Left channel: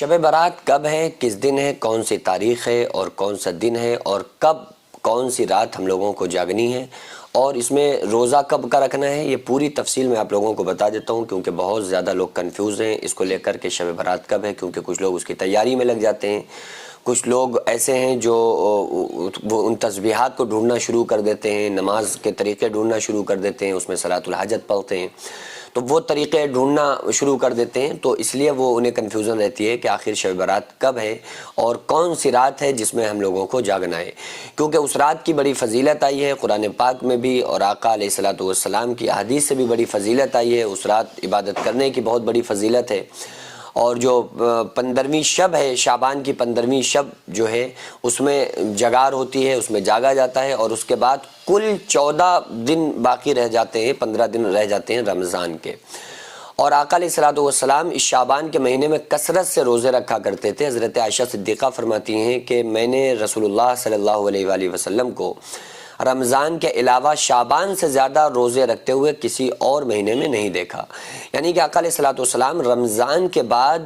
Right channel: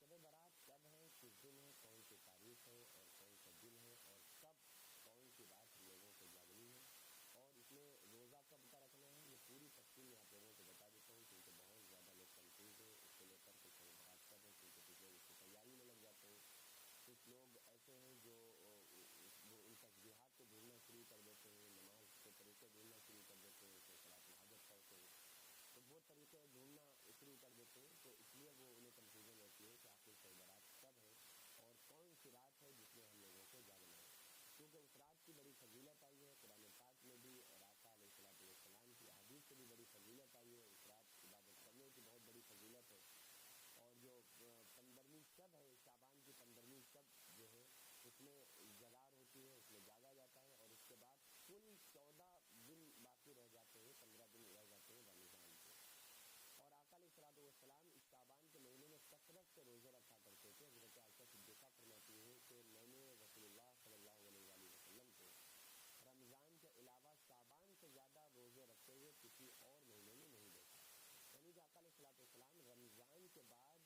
شب برات کب ہے، کس دن ہے، کون سی تاریخ ہے اور کون سا دن ہے، اور کب کون سی رات ہم لوگوں کو جاگنی ہے، اور اس میں روزہ کب کا رکھنا ہے، یہ پوری تفصیل میں آپ لوگوں کو بتا دیتا ہوں، کیونکہ بہت زیادہ لوگ کنفیوز ہیں اس کو لے کر کہ شب برات کب ہے، کیونکہ کچھ لوگ اس کی تیاری میں لگ جاتے ہیں، کچھ لوگ ایسے ہیں جو وہ ان تسبیحات کو ڈھونڈنا شروع کر دیتے ہیں، نماز کے طریقے ڈھونڈنا شروع کر دیتے ہیں، اس میں صلاۃ الحاجت پڑھتے ہیں، تو وہ طریقے ڈھونڈنا شروع کر دیتے ہیں، تو اس لیے وہ انہیں کنفیوژن رہتی ہے کہ آخر شب برات کب ہے اور کون سی رات ہے جس میں ہم لوگوں کو جاگنا ہے، کیونکہ اس رات کی بڑی فضیلت آئی ہے قرآن پاک میں بھی، اور آقا علیہ الصلوۃ والسلام کی احادیث سے بھی بڑی فضیلت آئی ہے، اس رات عبادت کرنے کی بہت بڑی فضیلت ہے، اور جو 15ویں شب ہے، شعبان کی 15ویں شب جو ہے اس میں جگار ہوتی ہے، اس میں جاگا جاتا ہے، اور اس کے بعد کل 14 دن باقی رہ جاتے ہیں، 15 دن رہ جاتے ہیں رمضان کے، اور آقا علیہ الصلوۃ والسلام اس شعبان کے مہینے میں کثرت سے روزے رکھا کرتے تھے۔ حضرت عائشہ صدیقہ فرماتی ہیں کہ میں نے رسول اللہ صلی اللہ علیہ وآلہ وسلم کو رمضان کے علاوہ شعبان سے زیادہ روزے رکھتے ہوئے کسی اور مہینے میں نہیں دیکھا، یعنی کہ آقا علیہ الصلوۃ والسلام رمضان کے بعد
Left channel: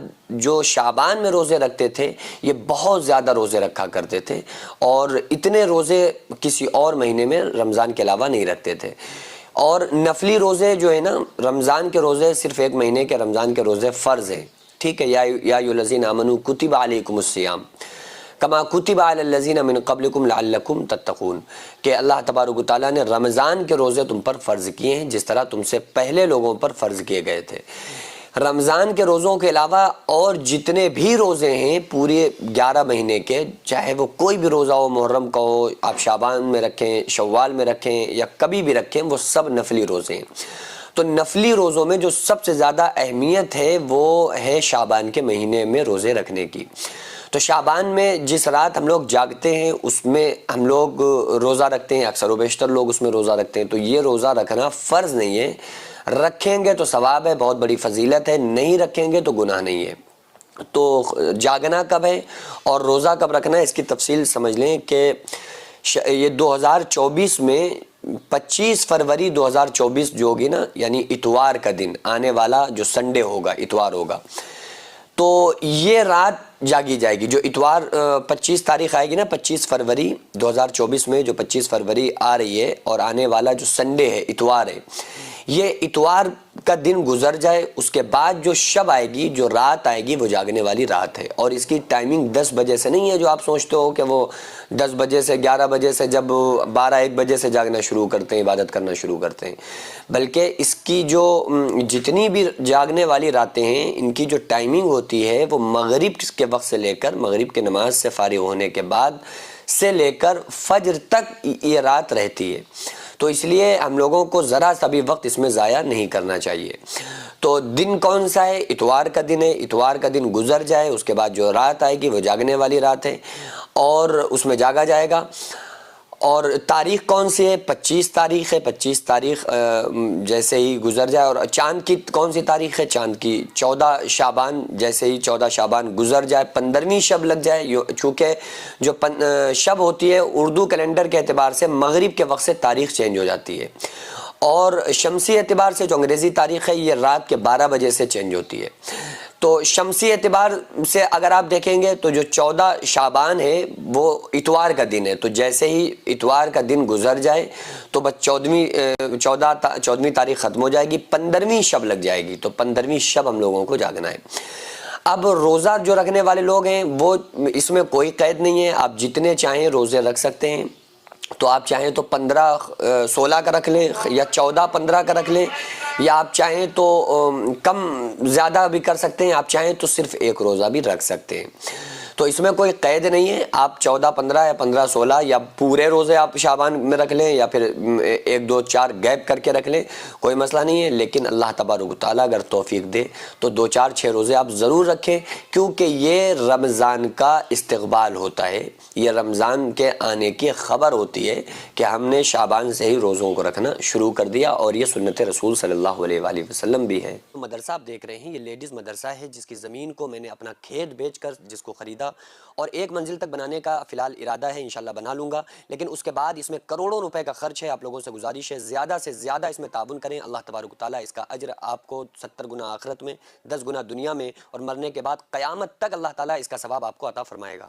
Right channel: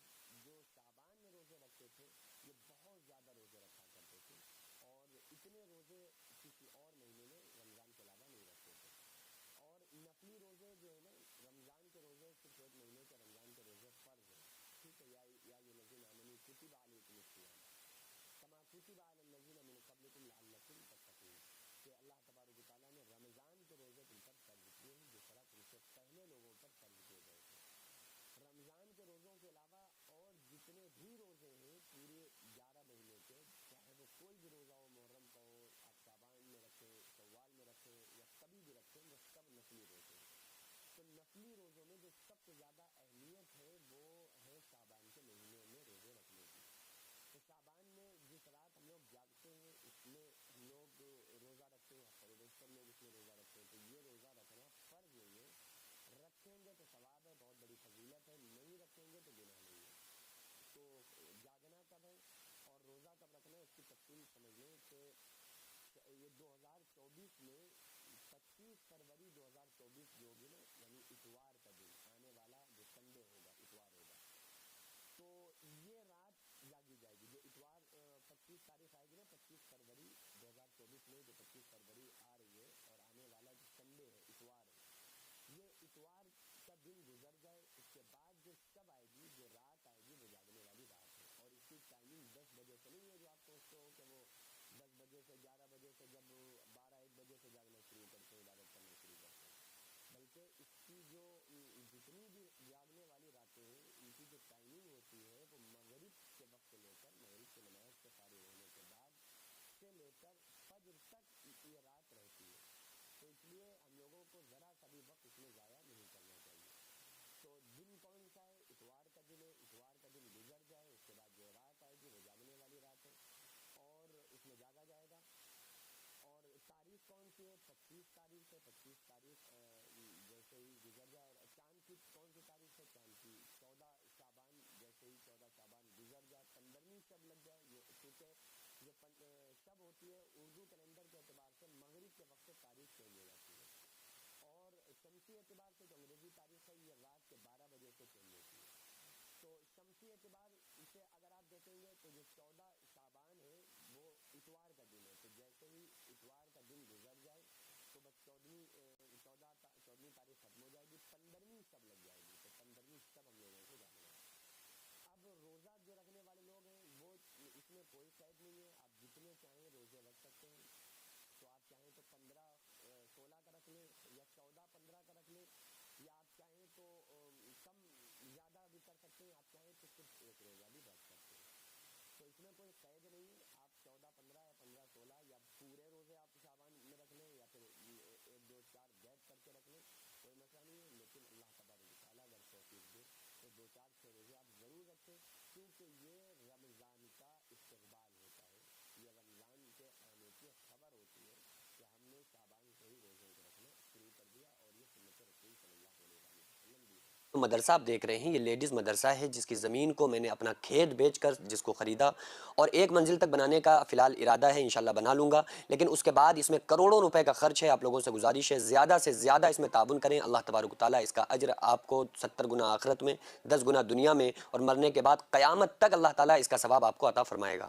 جو شعبان میں روزے رکھتے تھے یہ بہت زیادہ روزے رکھا کرتے تھے، اور اتنے روزے کسی اور مہینے میں رمضان کے علاوہ نہیں رکھتے تھے۔ اور نفلی روزے جو ہے نا، رمضان کے روزے صرف ایک مہینے کے رمضان کے روزے فرض ہیں، ٹھیک ہے، یا ایھا الذین آمنوا کتب علیکم الصیام کما کتب علی الذین من قبلکم لعلکم تتقون، کہ اللہ تبارک و تعالیٰ نے رمضان کے روزے تم پر فرض کیے ہیں جس طرح تم سے پہلے لوگوں پر فرض کیے گئے تھے۔ رمضان کے روزوں کے علاوہ اور جتنے بھی روزے ہیں پورے 11 مہینے کے، چاہے وہ کوئی بھی روزہ ہو، محرم کا ہو، آپ شعبان میں رکھیں، شوال میں رکھیں، یا کبھی بھی رکھیں، وہ سب نفلی روزے ہیں۔ تو نفلی روزوں میں جو سب سے زیادہ اہمیت ہے وہ ہے شعبان کے مہینے میں روزے رکھنے کی۔ تو شعبان میں جس رات ہم لوگ جاگتے ہیں اس میں ہم لوگ روزہ رکھتے ہیں، اکثر و بیشتر لوگ اس میں روزہ رکھتے ہیں، تو یہ روزہ رکھنا فرض نہیں ہے، رکھیں گے تو ثواب ہے، بہت بڑی فضیلت ہے، نہیں رکھیں گے تو گناہ نہیں ہے۔ تو جاگنا کب ہے اور روزہ کب رکھنا ہے اس کی تفصیل سمجھ لیں کہ یہ 2024 میں 25 فروری 2024 جو ہوگی نا، یعنی اتوار کا دن آنے والا جو سنڈے ہوگا، اتوار ہوگا، تو یہ رات جاگی جائے گی، جو اتوار 25 تاریخ آئے گی نا، 25 فروری 2024 میں جو 25 فروری آ رہی ہے، اور آنے والا جو سنڈے ہے، اتوار ہے، یہ اتوار کا دن گزر جائے، اس کے بعد جو شب آئے گی، جو رات آئے گی، وہ جاگنے والی رات ہے، اور اس کی ٹائمنگ 10 بجے سے نہیں ہے جو آپ سوچتے ہو کہ وہ 10 بجے سے 11 بجے سے، جب 12-1 بجے سے جاگنا شروع کرتے ہیں، عبادت کرنا شروع کرتے ہیں، بلکہ اس کی جو جتنی بھی جاگنے والی راتیں ہیں ان کی جو ٹائمنگ ہوتی ہے وہ مغرب کے وقت سے لے کر، مغرب کے نماز سے فارغ ہونے کے بعد سے لے کر فجر تک یہ رات رہتی ہے، تو اس لیے ہم لوگوں کو ذرا سا بھی وقت اس میں ضائع نہیں کرنا چاہیے۔ تو دن کون سا ہے؟ اتوار کا دن ہے، اتوار کا دن گزر جائے اس کے بعد جو رات آئے گی وہ جاگنے والی رات ہے، اور اس میں جاگا جائے گا۔ اور تاریخ کون سی ہے؟ 25 تاریخ ہے، 25 تاریخ جیسے ہی گزر جائے، اور چاند کی کون سی تاریخ ہے؟ چاند کی 14 شعبان، جیسے ہی 14 شعبان گزر جائے، 15ویں شب لگ جائے، چونکہ جو شب ہوتی ہے اردو کیلنڈر کے اعتبار سے مغرب کے وقت سے تاریخ چینج ہو جاتی ہے، اور شمسی اعتبار سے جو انگریزی تاریخ ہے یہ رات کے 12 بجے سے چینج ہوتی ہے۔ تو شمسی اعتبار سے اگر آپ دیکھیں گے تو جو 14 شعبان ہے وہ اتوار کا دن ہے، تو جیسے ہی اتوار کا دن گزر جائے تو بس 14ویں تاریخ ختم ہو جائے گی، 15ویں شب لگ جائے گی، تو 15ویں شب ہم لوگوں کو جاگنا ہے۔ اب روزہ جو رکھنے والے لوگ ہیں وہ اس میں کوئی قید نہیں ہے، آپ جتنے چاہیں روزے رکھ سکتے ہیں، تو آپ چاہیں تو 15-16 کا رکھ لیں، یا 14-15 کا رکھ لیں، یا آپ چاہیں تو کم زیادہ بھی کر سکتے ہیں، آپ چاہیں تو صرف ایک روزہ بھی رکھ سکتے ہیں، تو اس میں کوئی قید نہیں ہے، آپ 14-15 یا 15-16 یا پورے روزے آپ شعبان میں رکھ لیں، یا پھر 1-2-4 گیپ کر کے رکھ لیں، کوئی مسئلہ نہیں ہے، لیکن اللہ تبارک و تعالیٰ اگر توفیق دے تو 2-4-6 روزے آپ ضرور رکھیں، کیونکہ یہ رمضان کا استقبال ہوتا ہے، یہ رمضان کے آنے کی خبر ہوتی ہے کہ ہم نے شعبان سے ہی روزوں کو رکھنا شروع کر دیا، اور یہ سنت رسول صلی اللہ علیہ وآلہ وسلم بھی ہے۔ مدرسہ آپ دیکھ رہے ہیں، یہ لیڈیز مدرسہ ہے جس کی زمین کو میں نے اپنا کھیت بیچ کر جس کو خریدا تھا، اور 1 منزل تک بنانے کا فی الحال ارادہ ہے، انشاءاللہ بنا لوں گا، لیکن اس کے بعد اس میں کروڑوں روپے کا خرچ ہے۔ آپ لوگوں سے گزارش ہے زیادہ سے زیادہ اس میں تعاون کریں، اللہ تبارک و تعالیٰ اس کا اجر آپ کو 70 گنا آخرت میں، 10 گنا دنیا میں، اور مرنے کے بعد قیامت تک اللہ تعالیٰ اس کا ثواب آپ کو عطا فرمائے گا۔